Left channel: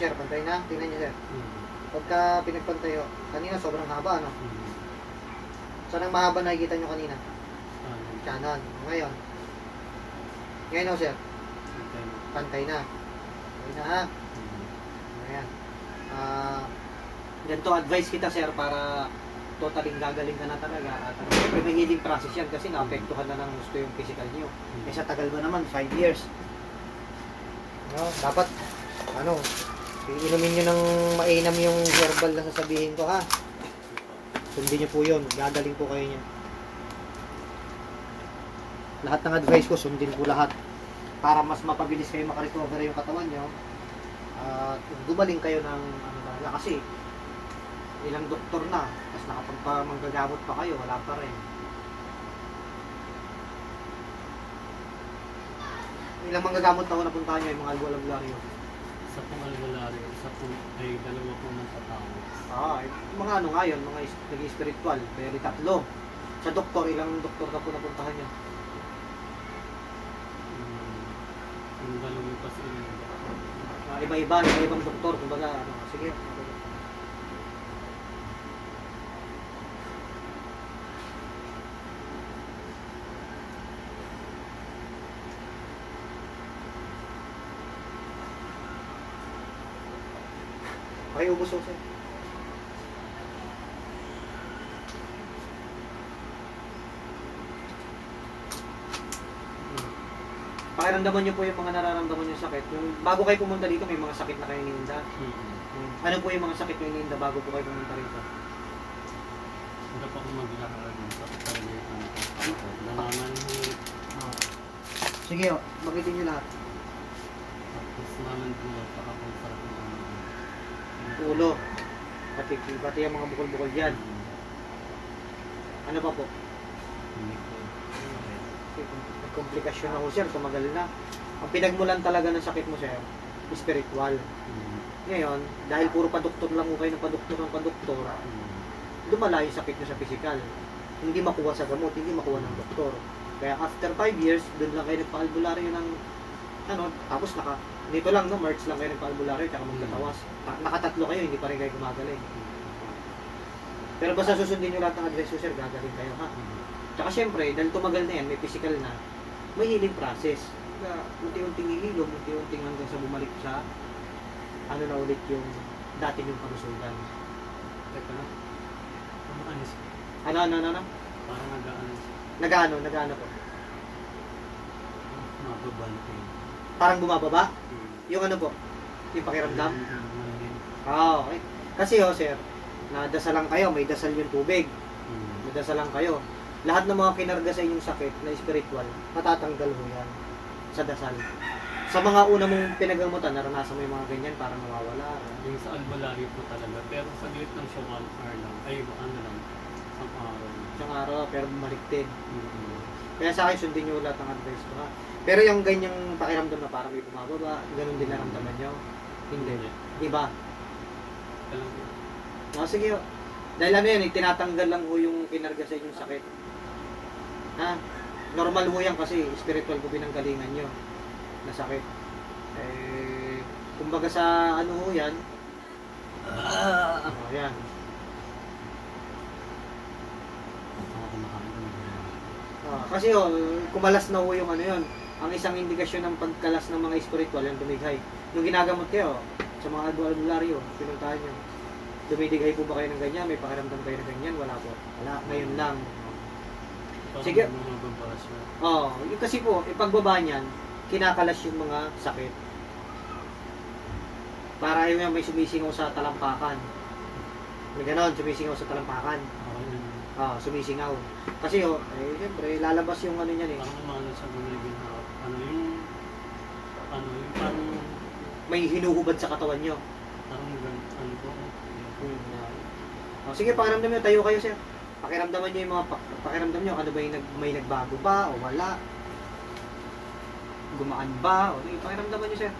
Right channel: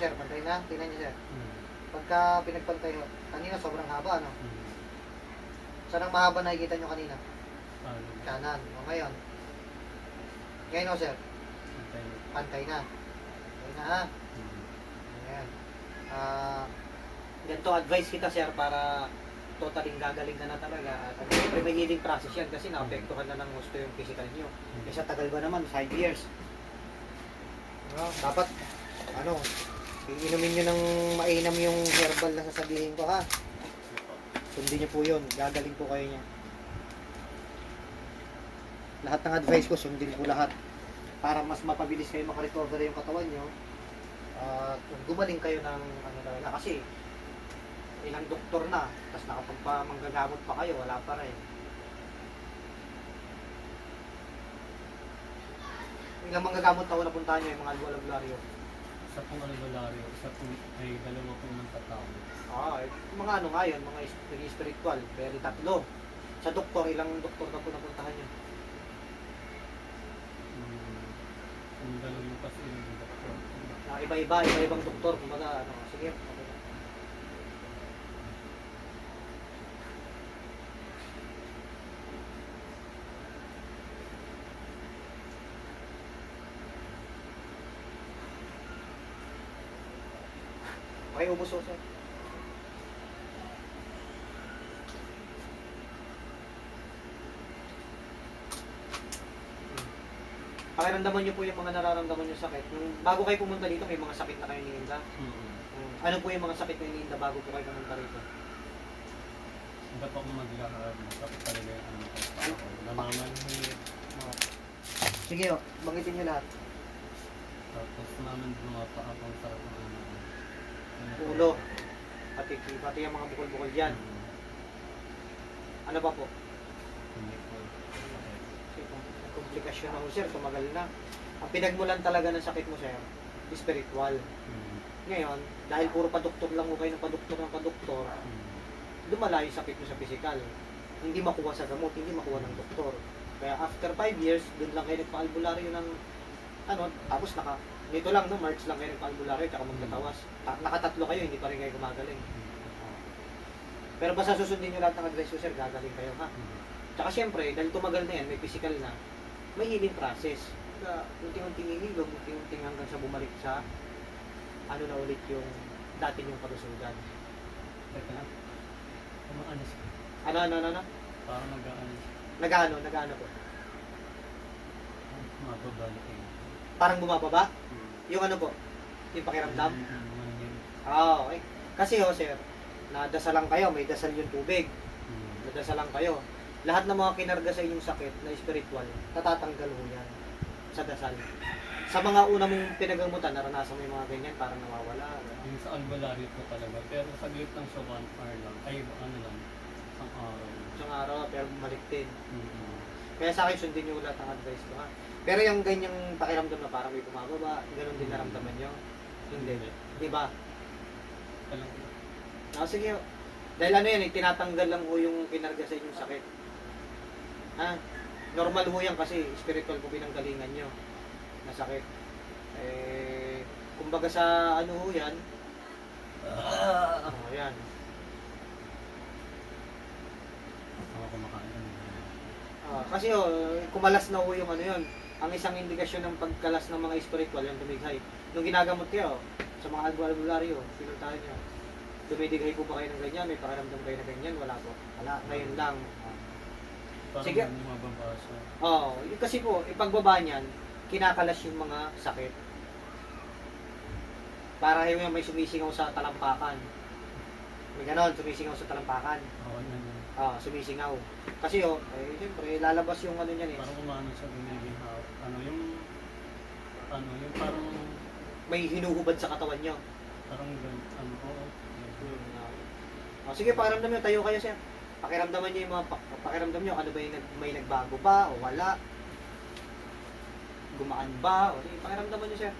Sir, pantay na. Tingnan niyo, sir. Mm. Pagka pinagpantayo, kanina sobrang haba, no? Mm. Saan ang mahaba nakikita nyo kanina? Ano? Kanan. O ngayon. Ngayon, o sir. Antay. Pantay na. Okay na, ha? Mm. Ayan. Ganito advice kita, sir, para totaling gagaling ka na talaga. At siyempre, may healing process yan kasi naapektuhan na ng gusto yung physical nyo. Eh, sa tagal ba naman? 5 years. No, dapat, ano, iinumin nyo ng mainam yung herbal na sasabihin ko, ha? Sundin nyo po yun. Gagaling po kayo niya. Lahat ng advice ko, sundin ko lahat. Para mas mapabilis kayo makarecover yung katawan nyo. At gumaling kayo ng ano talaga. Kasi, ilang doktor na. Tapos nakapagpamanggagamot pa kayo, wala pa rin. Ilang manggagamot na napuntahan nyo yung mga albularyo. Isa pong albularyo, isa pong ay dalawa pong ng patawag. Mga ano nga yun, mga nag-spiritual, pero 3. Sa doktor, ilang doktor na po napuntahan nyo? Ang dalawa pa sila ng doktor. Iba-ibang doktor, kumbaga, ano, sige. Okay, ubos o, sir. Pakiramdaman nyo po yung mga nararamdaman nyo sakit. Yung, bago kayo pumunta dito, may mga sakit na kayo iniinda. Ano po yung mga sakit na iniinda bago po kayo pumunta rito? Hindi pa ako maglakad. Tapos talaga yung ano ko. Namamanhit. Sige, magitin nyo lahat. Tapos naman bumapa ako sa Ulo. Pati yung mga bukol-bukol dyan. Ano pa po? Hindi ko. Sakit. Kasi kung komplikasyon ako, sir, tumagal na. Ang pinagmulan talaga ng sakit mo, sir, spiritual. Ngayon, dahil puro paduktor lang mo kayo ng paduktor, lumala yung sakit nyo sa physical. Hindi makuha sa gamot, hindi makuha ng doktor. Kaya after 5 years, doon lang kayo nagpa-albularyo ng ano, tapos nito lang, no, March lang kayo nagpa-albularyo, tsaka magtatawas. Nakatatlo kayo, hindi pa rin kayo gumagaling. Pero basta susundin nyo lahat ng advice ko, sir, gagaling kayo, ha? Tsaka syempre, dahil tumagal na yan, may physical na, may healing process. Kaya unti-unting ihilom, unti-unting hanggang sa bumalik sa ano na ulit yung dati yung kalusugan. Teka na. Ano siya? Ano? Parang nag-aanis. Nag-ano po? Mababa na po yun. Parang bumababa? Yung ano po? Yung pakiramdam? Okay. Kasi sir, nadasalan kayo, may dasal yung tubig. Nadasalan kayo. Lahat ng mga kinarga sa inyong sakit na spiritual, natatanggal mo yan sa dasal. Sa mga una mong pinagamutan, naranasan mo yung mga ganyan, parang nawawala. Yung sa albularyo po talaga, pero saglit lang siya 1 hour lang. Ay, ano lang, isang araw. Isang araw, pero bumalik din. Kaya sa akin, sundin nyo lahat ng advice ko, ha? Pero yung ganyang pakiramdam na parang may bumababa, ganun din naramdaman nyo? Hindi. Di ba? Alam ko. Sige. Dahil ano yan, tinatanggal lang ho yung kinarga sa inyong sakit. Ha? Normal ho yan kasi spiritual po pinanggalingan nyo na sakit. Kumbaga sa ano ho yan. Yan. Ako kumakain ko. Kasi kumalas na ho yung ano yun. Ang isang indikasyon ng pagkalas ng mga spiritual, yung dumighay. Nung ginagamot kayo, sa mga albularyo, pinuntahan nyo, dumidighay po ba kayo ng ganyan? May pakiramdam kayo na ganyan? Wala po. Wala. Ngayon lang. Parang Sige. mababa siya. Kasi po, ipagbaba niyan, kinakalas yung mga sakit. Para yung may sumisingaw sa talampakan. May ganon, sumisingaw sa talampakan. Sumisingaw. Kasi siyempre, lalabas yung ano niyan eh. Parang umano siya gumigin hawak. Yung parang May hinuhubad sa katawan nyo. parang ano po. Sige, pakiramdam nyo. Tayo kayo, sir. Pakiramdaman nyo yung mga pakiramdam nyo. Ano ba yung may nagbago ba o wala? Gumaan ba? O pakiramdaman nyo, sir.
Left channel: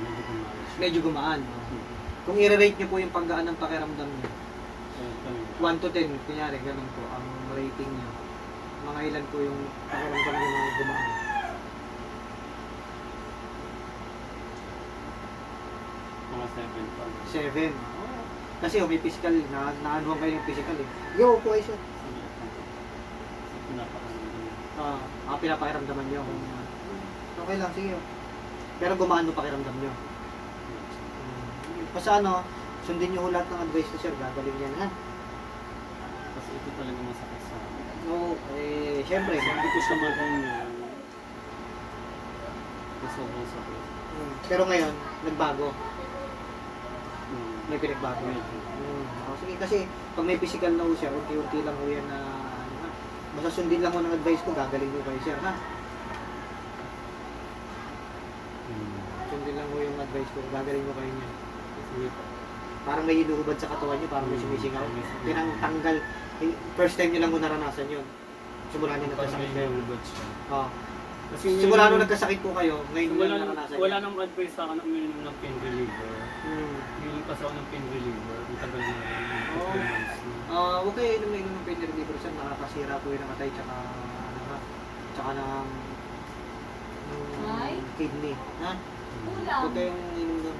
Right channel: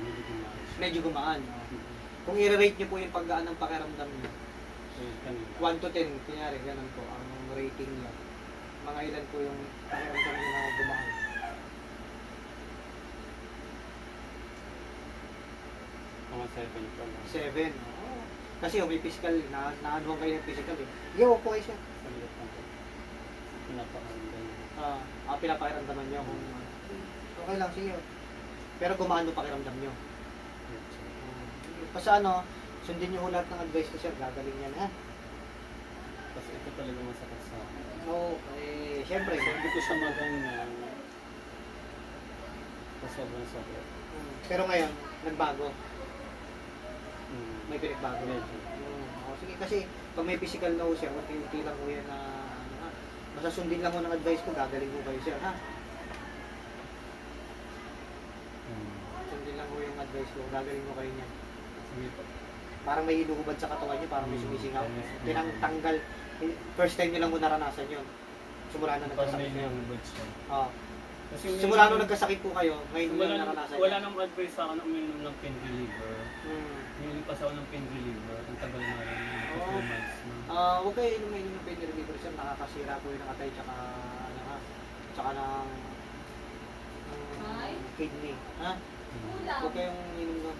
Medyo kumalas. Medyo gumaan. Kung i-rate nyo po yung paggaan ng pakiramdam nyo, kanina. 1 to 10, kunyari, ganun po ang rating nyo. Mga ilan po yung pakiramdam nyo na gumaan? Mga 7 pa. 7. Kasi may physical, naanuhan kayo yung physical eh. Yo, po ay siya. Napakaramdam. Pinapakiramdaman nyo kung okay lang, sige. Pero gumaan yung pakiramdam nyo. Basta ano, sundin nyo lahat ng advice ko sir, gagaling yan ha. Kasi ito talaga masakit sa akin. No, syempre. Sabi ko sa maganyan, na sobrang sakit. Pero ngayon, nagbago. Mm. May pinagbago. Medyo. Sige, kasi pag may physical na ho sir, unti-unti lang ho yan na ano ha. Basta sundin lang mo ng advice ko, gagaling ho kayo sir ha. Sundin lang ho yung advice ko, gagaling ho kayo niyan. Sige po. Parang may hinuhubad sa katawan nyo, parang may sumisingaw. Tinanggal. First time nyo lang ho naranasan yun. Simula nung nagkasakit kayo. Kasi Simula nung nagkasakit po kayo, ngayon nyo lang naranasan wala yun. nang advice sa akin na uminom ng pain reliever. Uminom kasi ako ng pain reliever. Ang tagal na rin. 2 months na. Huwag kayo inom na inom ng pain reliever sir, nakakasira po yun ng atay tsaka ano ha, tsaka ng kidney, ha? Huwag kayong inom nun.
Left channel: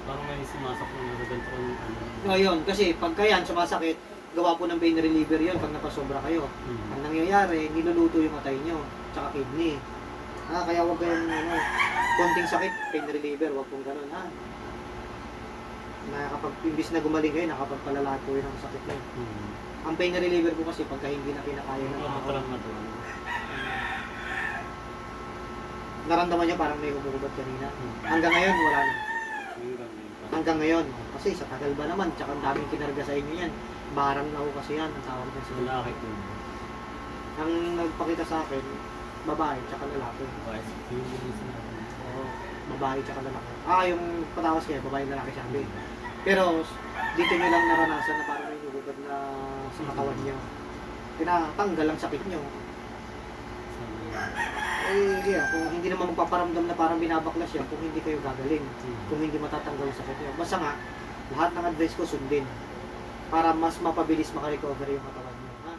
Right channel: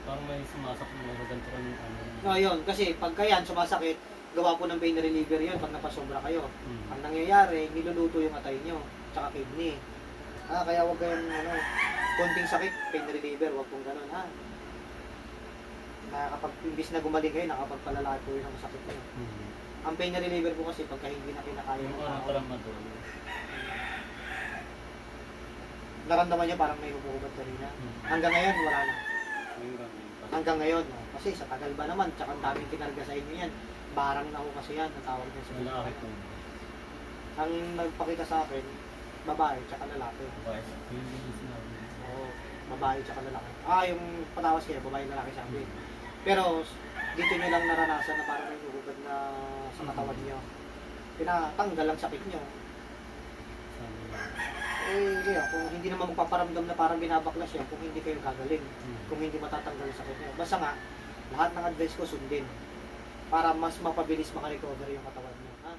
Parang may sumasak na nagaganto ko ng ano. No, yun, kasi pagka yan sumasakit, gawa po ng pain reliever yun pag napasobra kayo. Mm. Ang nangyayari, niluluto yung atay nyo, tsaka kidney. Kaya huwag kayong ano, konting sakit, pain reliever, huwag pong ganun, ha? Imbis na gumaling kayo, nakapagpalala po yun ang sakit nyo. Mm. Ang pain reliever po kasi pagka hindi na kinakaya ng Wala tao, pa lang na doon. naramdaman nyo parang may humuhubad kanina. Mm. Hanggang ngayon, wala na. Hanggang ngayon. Kasi sa tagal ba naman, tsaka ang daming kinarga sa inyo yan. Barang na ho kasi yan, ang tawag niya sa mga. Malaki po. Ang nagpakita sa akin, babae tsaka lalaki. Bakit? Yun yung sinabi. Oo, babae tsaka lalaki. Yung patawas kaya, babae lalaki sabi. Pero dito nyo lang naranasan na parang may humuhubad na sa katawan nyo. Tinatanggal ang sakit nyo. Yeah, kung hindi naman magpaparamdam na parang binabaklas yan, kung hindi kayo gagaling, kung hindi matatanggal yung sakit nyo. Basta nga, lahat ng advice ko sundin para mas mapabilis makarecover yung katawan nyo.